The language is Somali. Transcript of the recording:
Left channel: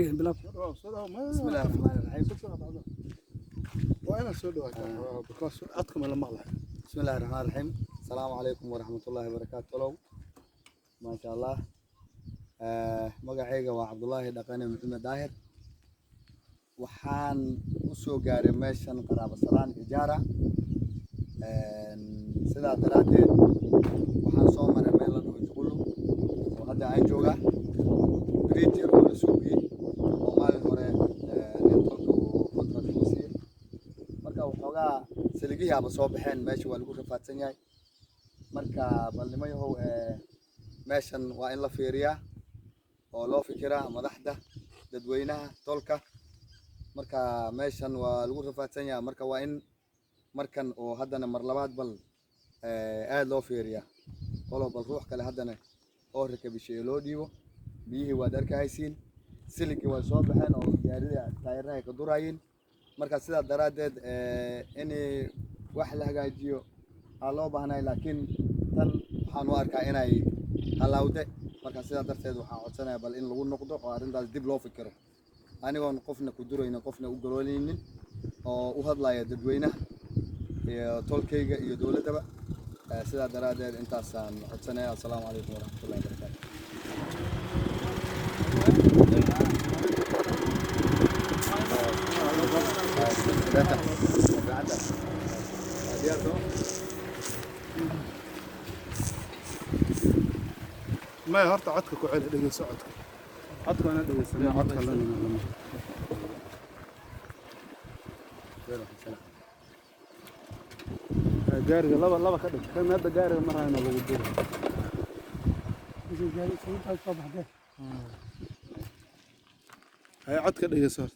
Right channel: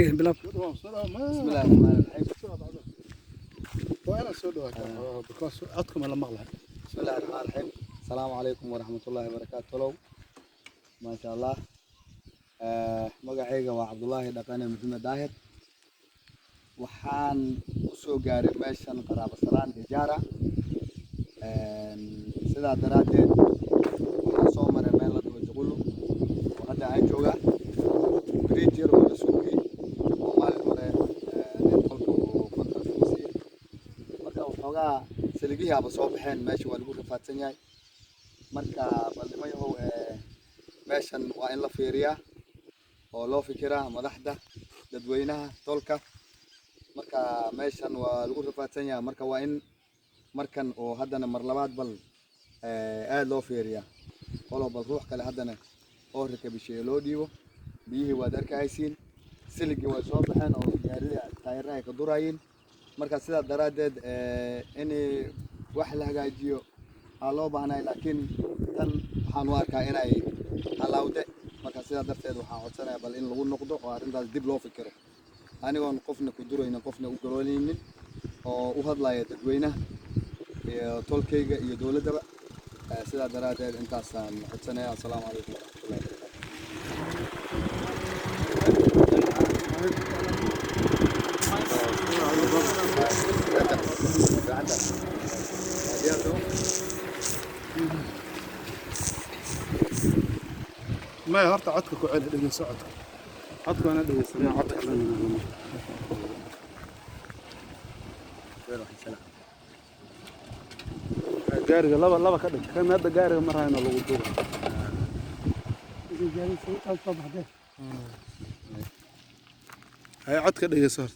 بسم الله الرحمن الرحيم. وأنا سودو because عدكم أنا مغلى. بسم الله الرحمن الرحيم. السلام عليكم ورحمة الله وبركاته. ما شاء الله. مقعيقة وعبد الله دقاني محمد داهر. وحان usoo gaaray meeshan qaraabo salaan ijaara sida daraadeed waxaan soo maray meel la dhaho Juqulu oo hadda aan jooga Greater oo la suuqay oo maalin hore marka waxoogaa saligihi aba soo baxeen meesha waa lagu rafaadsan yahay marka ballimayahow meeshan waa in la fiiriyaa oo loo fikiraa madaxda dadweynaha tolka marka meeshan waa lagu rafaadsan yahay marka waa in markan oo haddana mar labaad bal aad loo fiiriyaa qolo bal ruux kale haddana oo rakabishay loo dhiibo biyihii waad arkaysiin siligii way soo baxeen oo gaariga taayiraha ka durayeen marka sidaa daraadeed in wax la hagaajiyo aa loo baahnay laakiin tan waxaan u arkaa inay halawde marka sidaa darteed waxaan codsanayaa bal in lagu noqdo oo arrintaas dib loo fikiro anigoon qofna ku durayna qofna u garoonaynin oo u hadlaya dadweynaha iyo tolkayga iyo dawladaba sidaa daraadeed intaasaan codsanayaa. Assalaamu calaykum waraxmatullahi wabarakaatuh. ما هرت عدك كعيل دقي سعد. عدك أنا دقي سنة عدك لنا. جاري لا كده كان هذا جاري مرة هنا لو بدور. جاري صوت الصبح ده. هاي عدك دقي صار.